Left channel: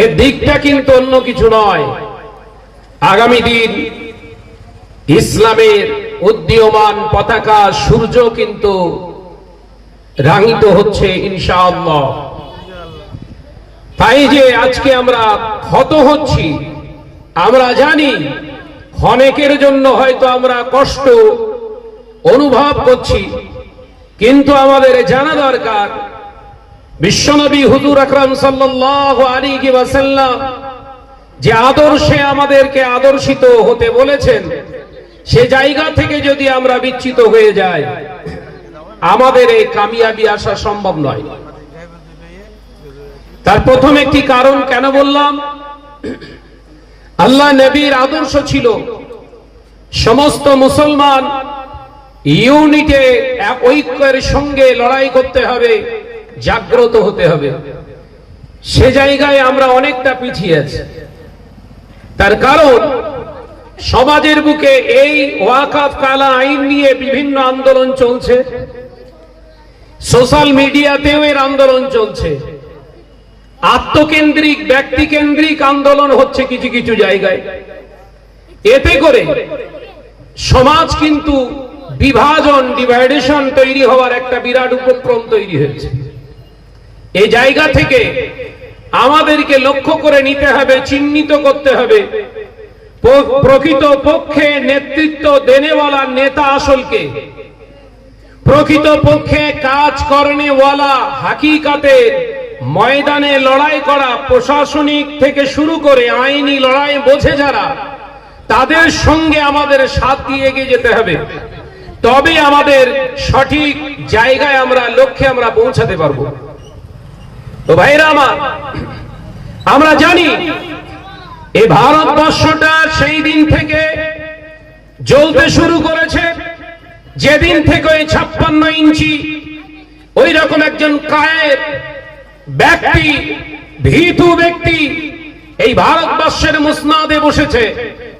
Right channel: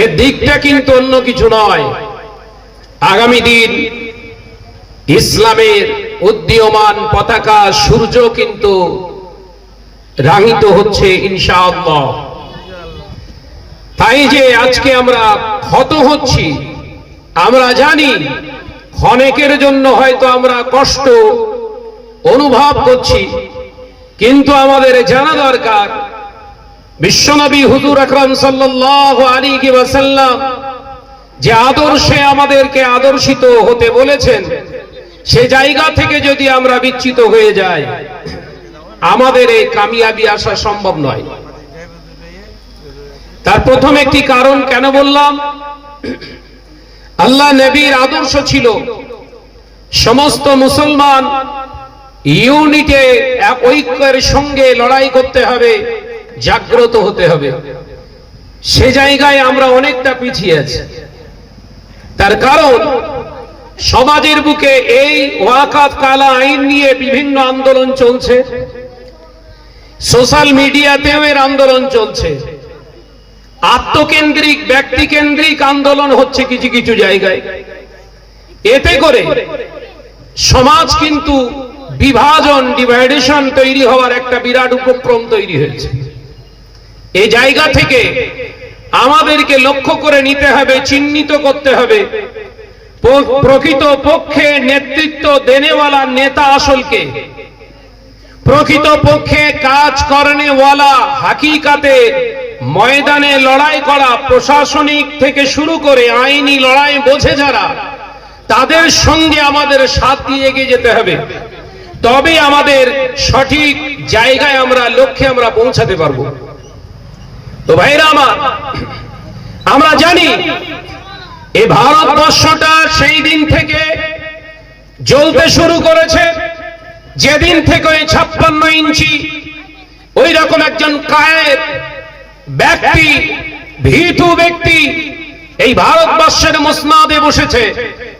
এর দিকটা কিন্তু অন্য কিছু নয়। আগামী দিন ইসলামের উদীয়মান পতাকা সূর্য কিন্তু রাঙিত হচ্ছে ইনশাআল্লাহ। তাই যে আজকে আমরা ক্ষত হচ্ছি, আমরা জানি ক্ষণেকের জন্য হয়তো আমরা কষ্ট অনুভব করছি, কিন্তু আমাদের জানা দরকার বিশ্বনবী হুজুর আকরাম সাল্লাল্লাহু আলাইহি ওয়াসাল্লাম যে আদর্শে আমাদেরকে আদর্শিত হতে বলেছেন, সে জায়গা থেকে যদি আমরা বিচ্যুত হয়ে যাই, আমাদের এই কামিয়াবি আসা সম্ভব নয়। তার প্রথম একটি কারণ কেন বললাম? আল্লাহ নবীর আদর্শ ছিল সমস্ত মুসলমান ইউনিটে ঐক্যের সঙ্গে লড়াই করতে হবে। জাগ্রত হতে হবে। সে জায়গায় আমরা অনেকটা পিছিয়ে আছি। তার কারণ, সমাজের বুকে এই ওয়াকাত কালা আইন নিয়ে বিভিন্ন আন্দোলন চলছে। সোশ্যাল মিডিয়াতেও এর আন্দোলন চলছে। আত্মকেন্দ্রিক, ব্যক্তিকেন্দ্রিক আন্দোলন হচ্ছে কিছু কিছু জায়গায়। এতে করে সমাজ কিন্তু বিভাজন, ডিভাইডেশন তৈরি হওয়ার একটা বিরাট উপক্রম তৈরি হয়েছে। এই জায়গা থেকে আমাদেরকে লক্ষ্য করে নিতে হবে, চিহ্নিত করতে হবে। প্রকৃত পক্ষে নেতৃত্ব দেনেওয়ালা নেতা আসলকে। প্রকৃত পক্ষে কাজ করানেওয়ালা হাকিকাতে ময়দানে লড়াই করা প্রশাসনিক থেকে শুরু করে আইনি লড়াই বোঝে যারা, তাদের সঙ্গে আমাদের সাথ দিয়ে এগিয়ে যেতে হবে। তবে আমাদের সঠিক জায়গায় আমরা, লক্ষ্যে আমরা পৌঁছাতে পারব। তো ভাইরা আমার, আমরা জানি এই ভারতবর্ষটা সেই দিন থেকে জ্বলতে শুরু করেছে। যেদিন থেকে ওই ছাপ্পান্ন ইঞ্চি ওই রকম একজন কায়ের ব্যক্তি, ভীতু ব্যক্তি এই ভারতবর্ষের মুসনাদে বসেছে।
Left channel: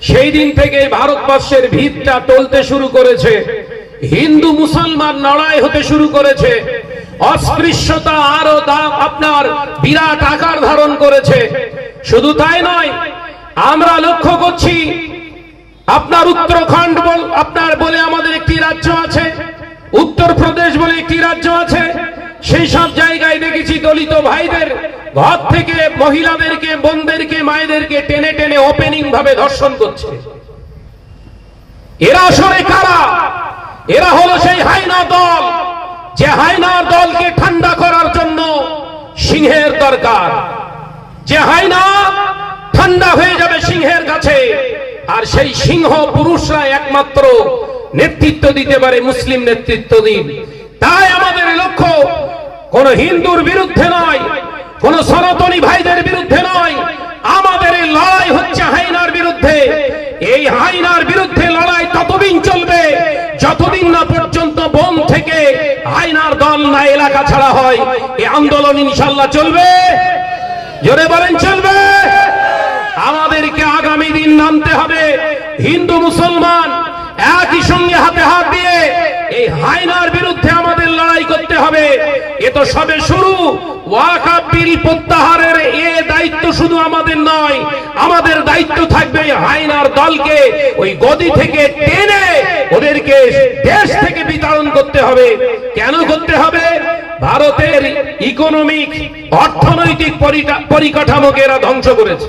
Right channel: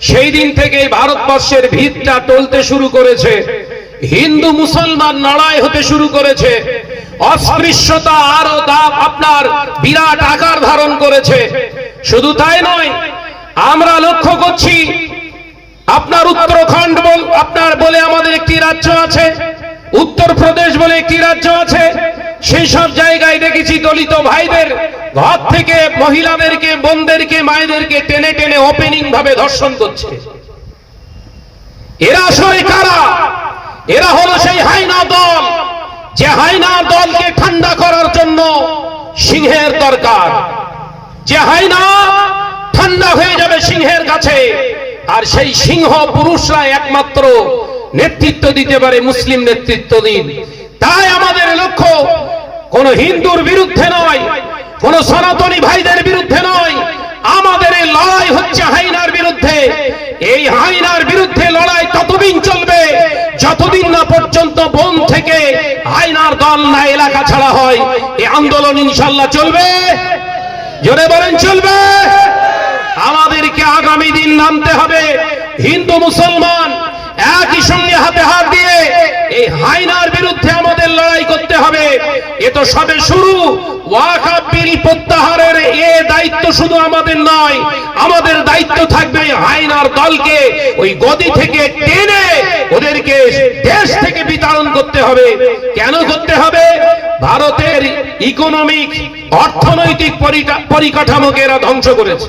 সেই দিন থেকে এই ভারতবর্ষের ভিতটা টলতে শুরু করেছে। হিন্দু মুসলমান লড়াই হতে শুরু করেছে। অস্পৃশ্যতা আরও দাপ আপনার বিরাট আকার ধারণ করেছে। শুধু তাই নয়, আমরা লক্ষ্য করছি, আপনার উত্তরাখণ্ড আপনার বলে আমাদের একটি রাজ্য আছে, উত্তরপ্রদেশ বলে একটি রাজ্য আছে। সেই সব জায়গায় দেখেছি দলিত ভাইদের ঘর থেকে মহিলাদেরকে, বোনদেরকে, মায়েদেরকে টেনে টেনে ওপেনিং ভাবে ধর্ষণ করছে। এরা আসলে কারা? এরা হলো সেই হাইনা দল। যে হাইনার দলকে ঠান্ডা করার জন্য সিংহের দরকার। যে হাইনা ঠান্ডা হয়ে যাবে সিংহের কাছে, আর সেই সিংহ পুরুষরা একমাত্র নেতৃত্ব দিতে পারে মুসলিম নেতৃত্ব দিন। তাই আমাদের লক্ষ্য, কোন হিন্দুর বিরুদ্ধে নয়, কোন সনাতনী ভাইদের বিরুদ্ধে নয়, আমাদের লড়াই হচ্ছে হাইনার বিরুদ্ধে। এই হাইনার বিরুদ্ধে লড়াই ততদিন চলবে, যতদিন না পর্যন্ত বোম থেকে হাইনার দল না এলাকা ছাড়া হয়। এই আন্দোলন ইনশাল্লাহ চলবে। জোরে বলেন, চলবে। আমাদেরকে আগামী দিন নামতে হবে। হিন্দু, মুসলমান একই সঙ্গে হাতে হাত দিয়ে এই হাইনার বিরুদ্ধে আমাদের লড়াই করতে হবে। এ তো সবে শুরু। প্রত্যাহারের এ দায়িত্ব শুধু আমাদের নয়, আমাদের দায়িত্ব থাকবে হাইনার দলকে ওই গদি থেকে টেনে ওদেরকে দেশ থেকে বিতরণ করতে হবে। কেন করতে হবে? ভারতের ইকোনমিক, অর্থনৈতিক পরিকা- পরিকাঠামোকে এরা ধ্বংস করেছে।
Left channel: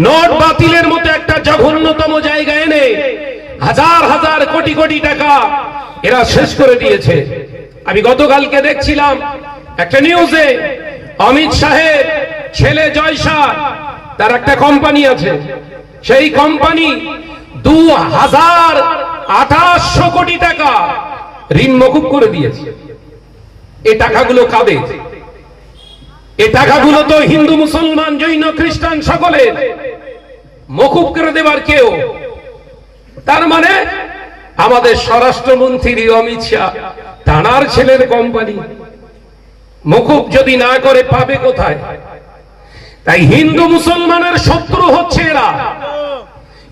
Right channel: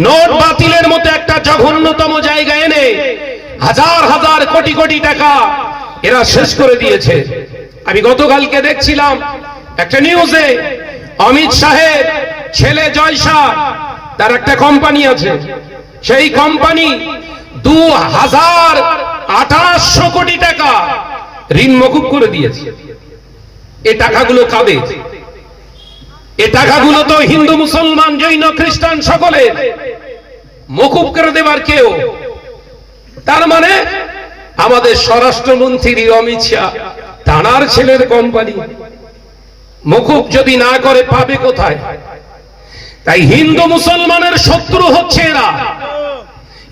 নোট বাতিলের মতো একটা জঘন্যতম জায়গা এনে হাজার হাজার কোটি কোটি টাকা এরা শেষ করে দিয়েছে। আমি গতকালকে দেখছিলাম একটা নিউজে অমিত শাহের ছেলে জয় শাহ তার একটা কোম্পানি আছে। সেই কোম্পানি দু হাজার আঠাশশো কোটি টাকা ঋণ মকুব করে দিয়েছে। এ টাকাগুলো কাদের? এ টাকাগুলো তো হিন্দু, মুসলমান, জৈন, খ্রিস্টান সকলের। মকুব করে দেবার কেউ তার মানে আমাদের স্বরাষ্ট্রমন্ত্রী অমিত শাহ, তানার ছেলের কোম্পানি মকুব যদি না করে পাবে কোথায়? তাই হিন্দু মুসলমানের শত্রু হচ্ছে এরা।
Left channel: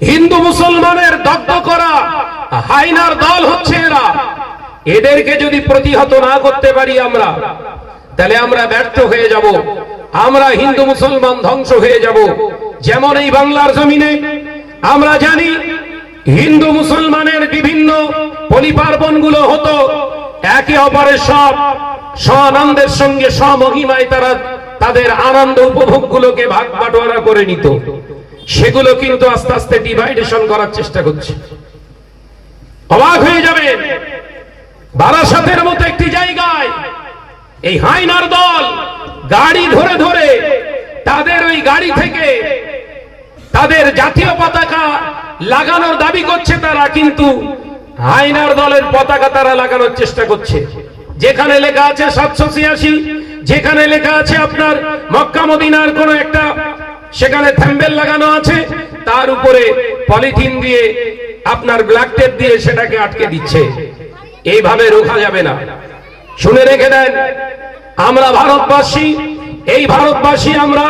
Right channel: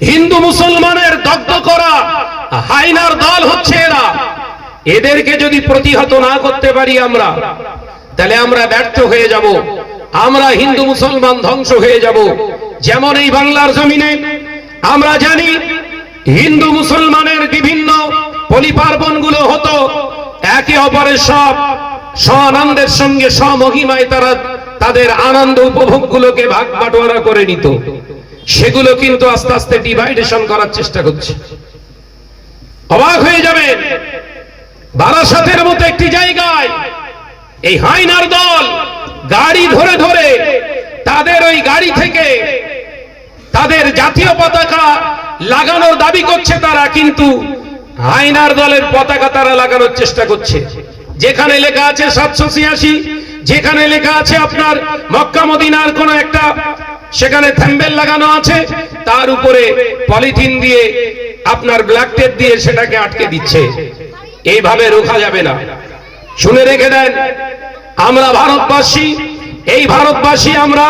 হিন্দু মুসলমানের দগ্ধ করা হাইনার দল হচ্ছে এরা। এদেরকে যদি প্রতিহত না করতে পারি আমরা, তাহলে আমরা ব্যর্থ হয়ে যাব। আমরা হিন্দু মুসলমান ধ্বংস হয়ে যাব। যেমন এই বাংলার জমিনে, আমরা জানি হিন্দু মুসলমানের বিভিন্ন পরিপার্বণগুলো হতো। একে অপরের সব স্বানন্দের সঙ্গে স্বমহিমায় তারা তাদের আনন্দ উপভোগ গুলোকে ভাগ বাটোয়ারা করে নিত। সেগুলো কিন্তু আস্তে আস্তে ডিভাইডেশন করার চেষ্টা করছে। অবাক হয়ে যাবে বারাসাতের মতো একটি জায়গায় এই হাইনার দল গাড়ি ধরে ধরে তাদের ওই গাড়ি থেকে তাদের জাতীয় পতাকা লাগানোর দাবি করছে তারা, কিন্তু হাইনার দলের পতাকা তারা লাগানোর চেষ্টা করছে। যেখানে লেখা আছে সাতশো ছিয়াশি, যেখানে লেখা আছে আপনার মক্কা মদিনার কোন একটা, সেখানে থ্যাম্বেল লাগানো আছে, তার উপরে পলিথিন দিয়ে আপনার ব্ল্যাক টেপ দিয়ে সেটাকে আটকে দিচ্ছে। এইভাবে রোখা যাবে না। শুনে রেখে দেন, আমরা ভারতবাসী, এই ভারতবাসী আমরা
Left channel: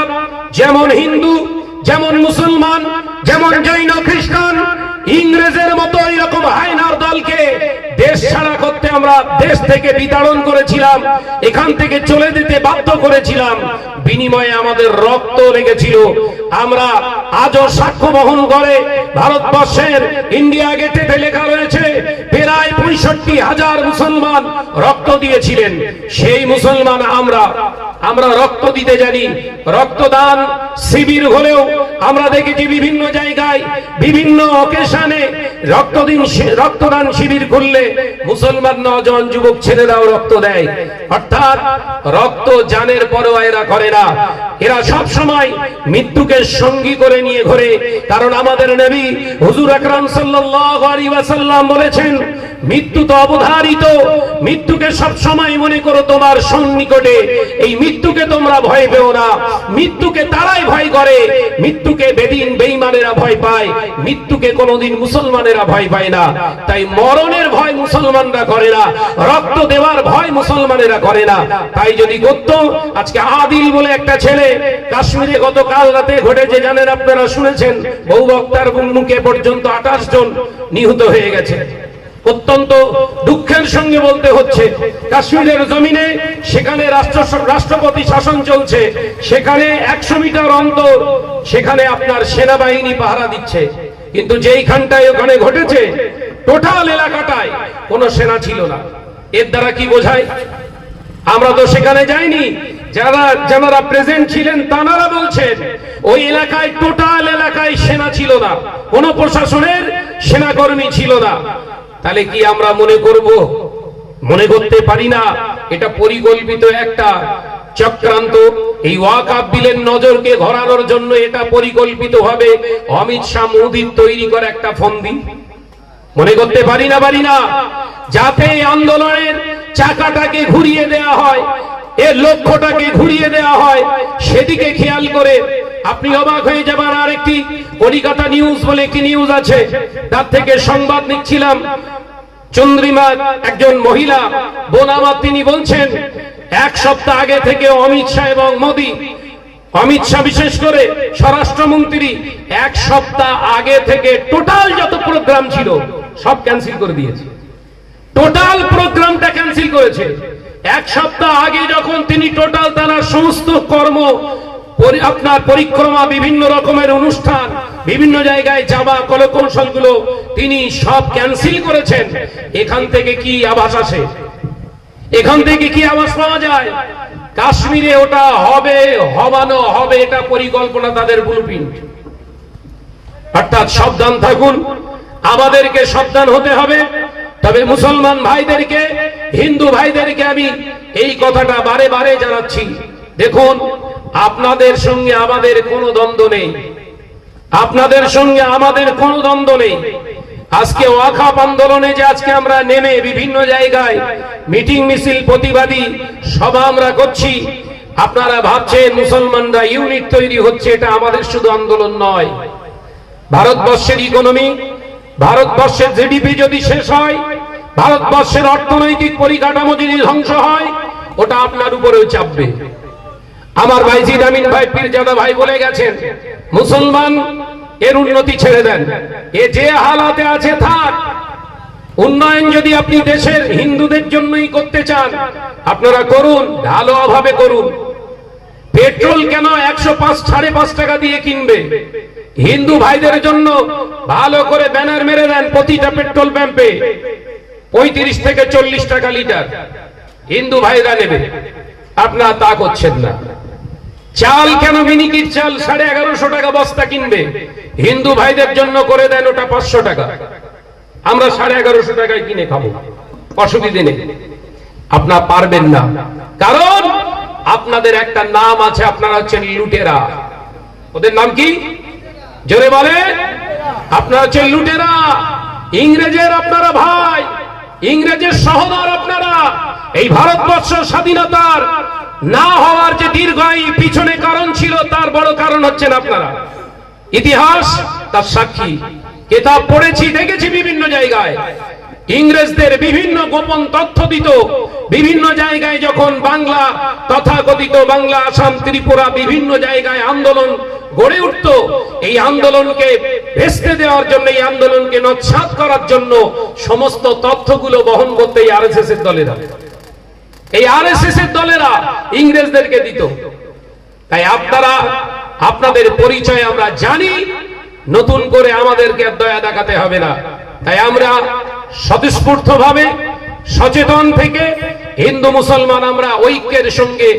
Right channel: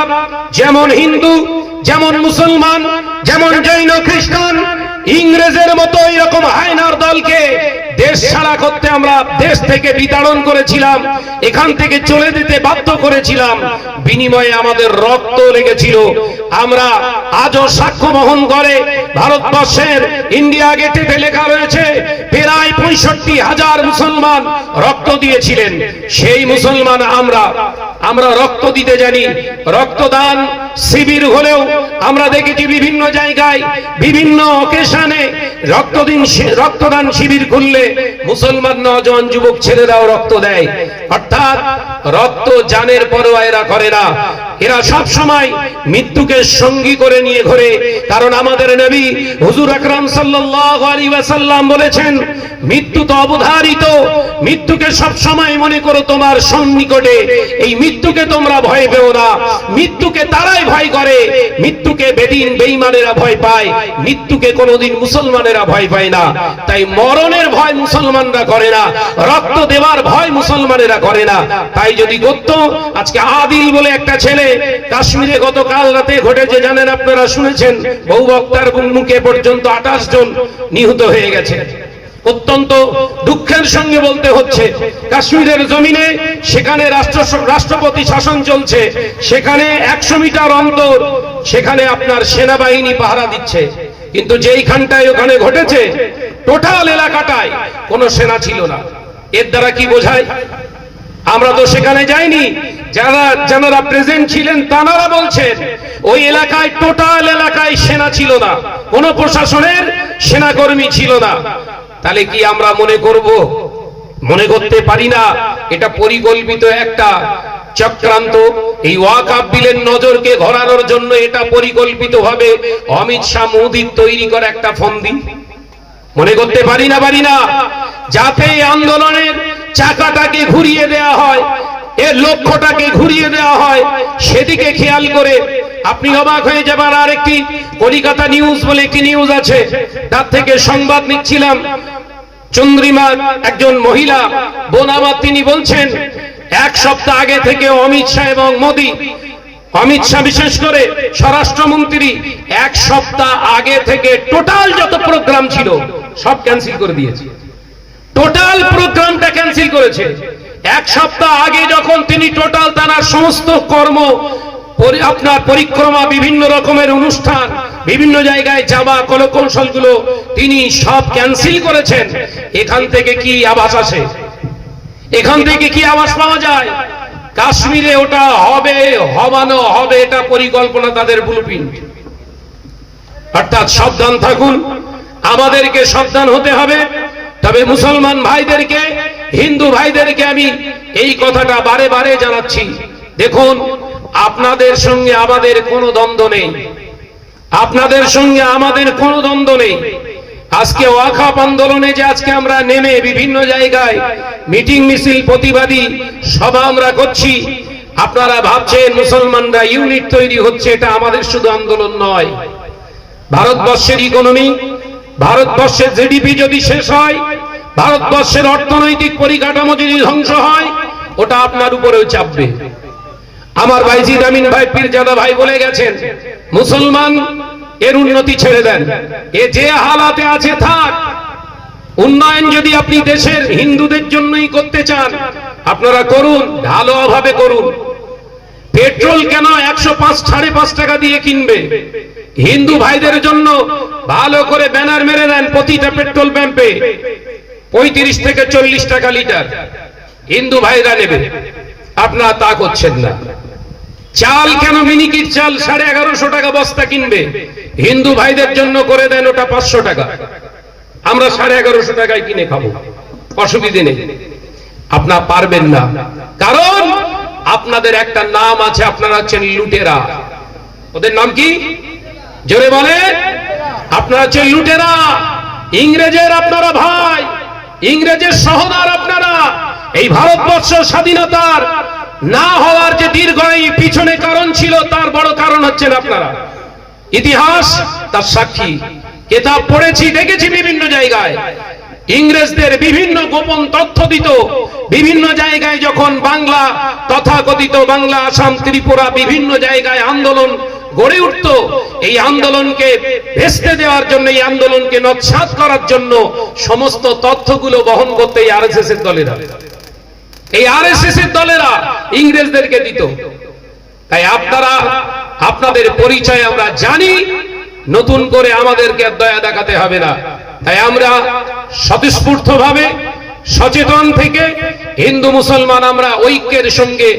যেমন হিন্দু যেমন মুসলমান, যেমন জৈন খ্রিস্টান, ইংরেজের মতো এরকম হায়নার দলকে দেশ ছাড়া করতে আমরা দেশ থেকে বিতাড়ন করেছিলাম, এখান থেকে চলে যেতে বাধ্য করেছিলাম, বিনিময়ে আমাদের রক্ত লেগেছিল। আমরা আজও সাক্ষ্য বহন করে ভারতবর্ষের ইন্ডিয়া গেটেতে লেখা রয়েছে, প্রায় পঁয়ষট্টি হাজার মুসলমান রক্ত দিয়েছিলেন। সেই মুসলমান আমরা আমরা রক্ত দিতে জানি। রক্তদান শিবির হলেও আমরা দেখেছি বিভিন্ন জায়গায়, বিভিন্ন অকেশনে রক্তদিন রক্তদান শিবির করলে মুসলমান নজন যুবক ছেলেরাও রক্ত দেয়। অর্থাৎ রক্ত জানের পরোয়া এরা করে না এরা সব সময় মৃত্যুকে সঙ্গী করে নিয়ে ঘোরে। কারণ আমাদের নবী হুজুর আকরাম আলাইহি ওয়াসাল্লাম বলেছেন, মৃত্যু তো অবধারিত, মৃত্যুকে সব সময় মনে করো তোমার সন্নিকটে। এই মৃত্যুকে তোমরা ভয় পেও না। মৃত্যুকে তারাই ভয় করে। মৃত্যুকে বেদিন বেঈমানেরা ভয় পায়। মৃত্যুকে কোনোদিন মুসলমানেরা ভয় পায় না। তাই মরণের ভয় মুসলমানরা করে না। রক্ত দেওয়ার ভয় মুসলমানেরা করে না। তাই যদি করত, আজকে আদিল বলে একটা ছেলে কাশ্মীরে গতকাল রাতে ঘটেছে, জানেন আপনারা, শুনেছেন? বহু বক্তার মুখে পর্যন্ত আঠাশ জন নিহত হয়ে গেছে। অত্যন্ত দুঃখের সঙ্গে বলতে হচ্ছে, কাশ্মীরের জমিনে সেখানে রাষ্ট্র, রাষ্ট্রপতি শাসন চলছে, সেখানে একশো মিটার অন্তর সেখানে আপনার সেনাবাহিনী পাহারা দিচ্ছে। কিন্তু যেইখানটায় ওখানে ঘটেছে, টোটাল এলাকাটায় কোনো সেনা ছিল না। এর দ্বারা কি বোঝায়? আমরা তো সেখানে যাইনি যারা যারা প্রেজেন্ট ছিলেন তারা বলছেন, ওই এলাকায় টোটাল এলাকায় সেনা ছিল না, কোন প্রশাসনের সেনাকর্মী ছিল না। তাহলে কি আমরা মনে করব? মনে করতে পারি না, এটা পরিকল্পিত একটা চক্রান্ত। এই বিলের নজরকে ঘোরানোর জন্য এটা পরিকল্পিত ভাবে অমিত শাহ মোদীর তৈরি করা একটা ফন্দি। মনে করতে পারি না পারি না, যাতে আন্দোলনের চাকাটাকে ঘুরিয়ে দেয়া হয়। এর লক্ষ্যটাকে ঘুরিয়ে দেওয়া হয়, সেদিকে খেয়াল করে আপনি অবাক হয়ে যাবার আর একটি কলিকাতা নিউজ বলে একটি নিউজ আছে। তার থেকে সংবাদ নিচ্ছিলাম। চন্দ্রিমা একজন মহিলা, বোন তিনি বলছেন, এক সপ্তাহ আগে থেকে অমিত শাহ এবং মোদী, অমিত শাহ বিশেষ করে স্বরাষ্ট্রমন্ত্রী, এক সপ্তাহ আগে থেকে টোটাল যত প্রোগ্রাম ছিল, সব ক্যান্সেল করে দিয়েছে। টোটাল ক্যান্সেল করেছে। এক সপ্তাহ আগে যখন তিনি টোটাল তার সমস্ত কর্ম আপনার পরিক্রমা বিভিন্ন রকমের অনুষ্ঠান, বিভিন্ন জায়গায় যাওয়া কৌশলগুলো তিনি সব ক্যান্সেল করেছেন। এখান থেকে কি আবাস আসে? এখান থেকে কি আবাস পাওয়া যায়? কাশ্মীরে ওটা হবে, হবানো হবে, এটা পরিকল্পনা তাদের ব্লুপ্রিন্ট অর্থাৎ সাবধান থাকুন। আমাদেরকে সাবধান হতে হবে। তবে মুসলমান ভাইদেরকে, হিন্দু ভাইদেরকে আমি এই কথাটা বারে বারে জানাচ্ছি। দেখুন, আপনাদের সঙ্গে আমাদের কোনো দ্বন্দ্ব নেই। আপনাদের সঙ্গে আমাদের কোনো দ্বন্দ্ব নেই। আজকে ওয়াখাপ আন্দোলনে যে আজকে আমরা নেমে বিভিন্ন জায়গায় মিটিং মিছিল প্রতিবাদী সভা আমরা করছি, আপনারা ভাবছেন মুসলমানরা ইউনিট তৈরি হচ্ছে, এটা আমাদের শুধু আন্দোলন নয়। ভারতবর্ষের ইকোনমি ভারতবর্ষের জিডিপি যদি শেষ হয়, ভারতবর্ষের অর্থনৈতিক পরিকাঠামো যদি ধ্বংস হয়, ওটা আপনার উপরেও চাপবে। আমার ভাই জিদামিন ভাই, পীরজাদা ভাই বলে গেছেন, মুসলমান এর উন্নতি ছেড়ে দেন। এ যে হালাতে আছে থাক। উন্নয়ন যদি আপনি দেশের হিন্দুদের জন্যই করতে চান, আপনারা করুন ভালোভাবে করুন। পেট্রোল কেন একশো পাঁচ, সাড়ে পাঁচ টাকা দিয়ে কিনবে? হিন্দু ভাইদের জন্য ভালো করে ব্যানার মেরে দেন প্রতিটা পেট্রোল পাম্পে। পঁয়ত্রিশ থেকে চল্লিশ টাকা লিটার। হিন্দু ভাইরা নেবে। আপনারা তা করছেন না। চাল কেন মিনিকির চাল সাড়ে এগারোশো টাকা বস্তা কিনবে? হিন্দু ভাইদের জন্য করে দেন ওটা পাঁচশো টাকা। আমরা সাড়ে এগারোশো টাকায় কিনে খাব। অসুবিধে নেই। আপনার পারবেন না। কারণ আপনাদের একটা নাম আছে, আপনারা হচ্ছেন লুটেরা। ওদের নাম কি? জোরে বলে। আপনারা হচ্ছেন লুটেরা। ইংরেজের আপনারা ভাই, ইংরেজের সহদার আপনারা। এই ভারতবর্ষ স্বাধীনতার না হওয়ার যে দীর্ঘায়ী পিছনে কারণ ছিল, তার বড় কারণ হচ্ছেন আপনারা। ইতিহাস তার সাক্ষী। কেতাব পড়েছি, দেখেছি বিভিন্ন জায়গায়। ইংরেজদের বিভিন্ন গোপন তথ্য দিত। বিভিন্ন জায়গায় যখন বাংলা তথাকথিত বাংলা, আসাম, ত্রিপুরা বিভিন্ন জায়গায় আন্দোলন গড়ে উঠত, এই আন্দোলনকে ভেস্তে দেওয়ার জন্য, এই আন্দোলনকে নৎসাত করার জন্য সমস্ত তথ্যগুলো বহন করতে এই আরএসএস এর দলেরা। এই আরএসএস এর দলেরা ইংরেজদেরকে দিত। তাই আপনারা, আপনাদের পরিচয় আমরা জানি, নতুন করে আমাদেরকে দয়া দেখাতে হবে না। তাই আমরা স্বতঃস্ফূর্ত ভাবে সচেতন থেকে হিন্দু মুসলমান আমরা ঐক্যের সঙ্গে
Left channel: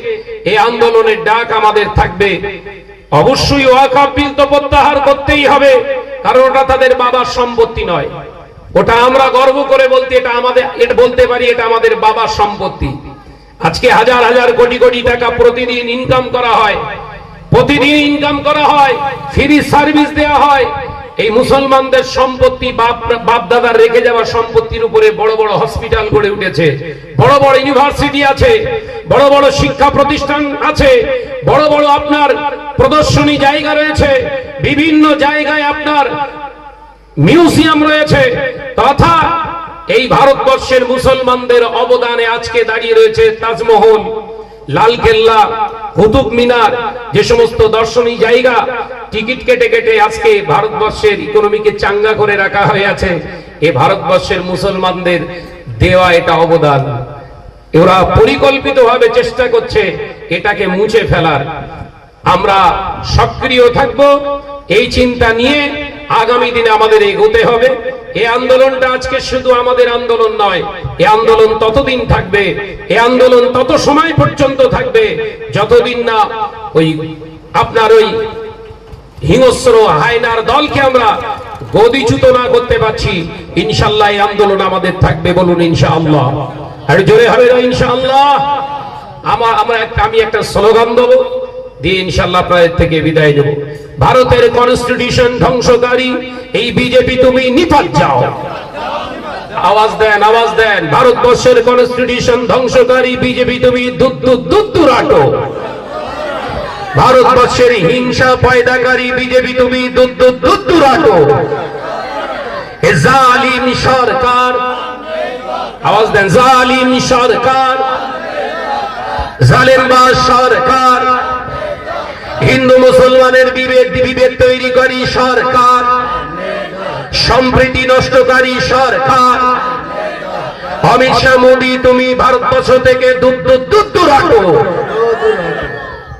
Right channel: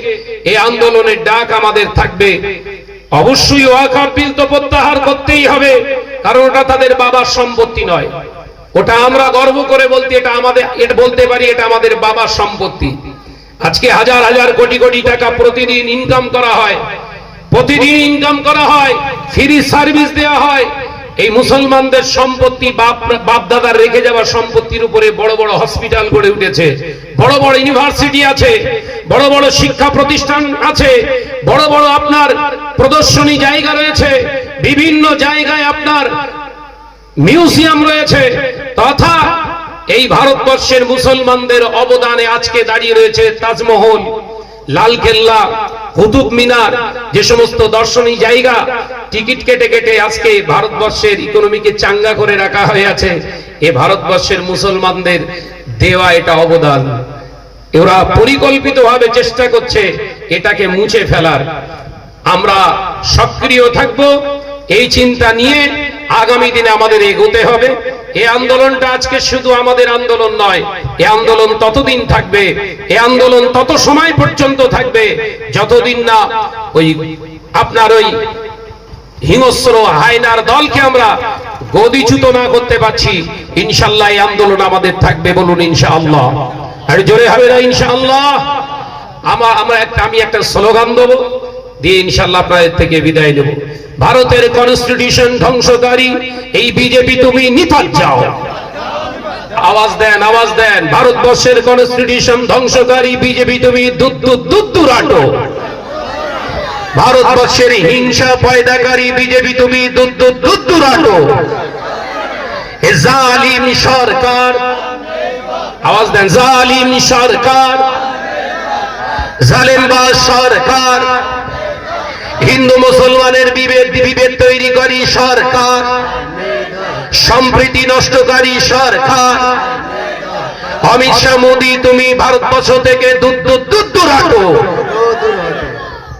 এই আন্দোলনের ডাক আমাদের থাকবে। অবশ্যই তো প্রত্যাহার করতেই হবে, কারণ ওটা তাদের বাবার সম্পত্তি নয়। ওটা আমরা গর্ব করে বলতে, এটা আমাদের, এটা বলতে পারি, এটা আমাদের বাবার সম্পত্তি। আজকে হাজার হাজার কোটি কোটি টাকা প্রতিদিন ইনকাম করা হয়। প্রতিদিন ইনকাম করা হয় ফ্রি সার্ভিস দেওয়া হয়। এই মুসলমানদের সম্পত্তি বাপ দাদার রেখে যাওয়া সম্পত্তির উপরে বড় বড় হসপিটাল গড়ে উঠেছে। বড় বড় ইউনিভার্সিটি আছে, বড় বড় শিক্ষা প্রতিষ্ঠান আছে, বড় বড় আপনার প্রদর্শনী জায়গা রয়েছে, বিভিন্ন জায়গায় আপনার মিউজিয়াম রয়েছে। তথা এই ভারতবর্ষের মুসলমানদের অবদানে আজকে দাঁড়িয়ে রয়েছে তাজমহল, লালকেল্লা কুতুব মিনার যে সমস্ত দর্শনীয় জায়গা টিকিট কেটে কেটে আজকে ভারতবর্ষের ইকোনমিকে চাঙ্গা করে রাখা হয়ে আছে। এ ভারতবর্ষের মুসলমানদের দেওয়া এটা অবদান। ওরা পরিকল্পিতভাবে চেষ্টা করছে এটাকে মুছে ফেলার। আমরা সক্রিয় থাকব। এই চিন্তা নিয়ে আগামী দিনে আমাদের এগোতে হবে। এ আন্দোলনটা আজকে শুধু আমাদের আন্দোলন নয়, এ আন্দোলন ততদিন থাকবে, এ আন্দোলন তত সময় পর্যন্ত থাকবে, যতদিন না ওই আপনার ওই হিংস্র হায়নার দলকে আমরা গদিচ্যুত না করতে পারছি ইনশাল্লাহ এই আন্দোলন আমাদের থাকবে বলুন ইনশাআল্লাহ আর জোরে হবে না ইনশাআল্লাহ আমার আমরা একটা আমি একটা স্লোগান দেবো দিয়ে ইনশাল্লাহ আপনাদের থেকে বিদায় নেব ভারতের কনস্টিটিউশন ধ্বংসকারী এই বিজেপি তুমি নিপাত যাও আওয়াজ দেন আওয়াজ দেন ভারতবর্ষের কনস্টিটিউশন ধ্বংসকারী বিজেপি তুমি দুধ দুধ দুধ দুরাটো ভারতবর্ষের হিংসা পয়দাকারী বিজেপি তুমি সরকার আওয়াজ দেন জালিম সরকার জালেমবাজ সরকার হিন্দু মুসলমানের বিভেদ বিভেদ করি সরকার সম্প্রীতি নষ্টকারী সরকার অমিত শাহ মোদী তুমি ভারতবর্ষ থেকে দুধ দুধ দুধ রাখো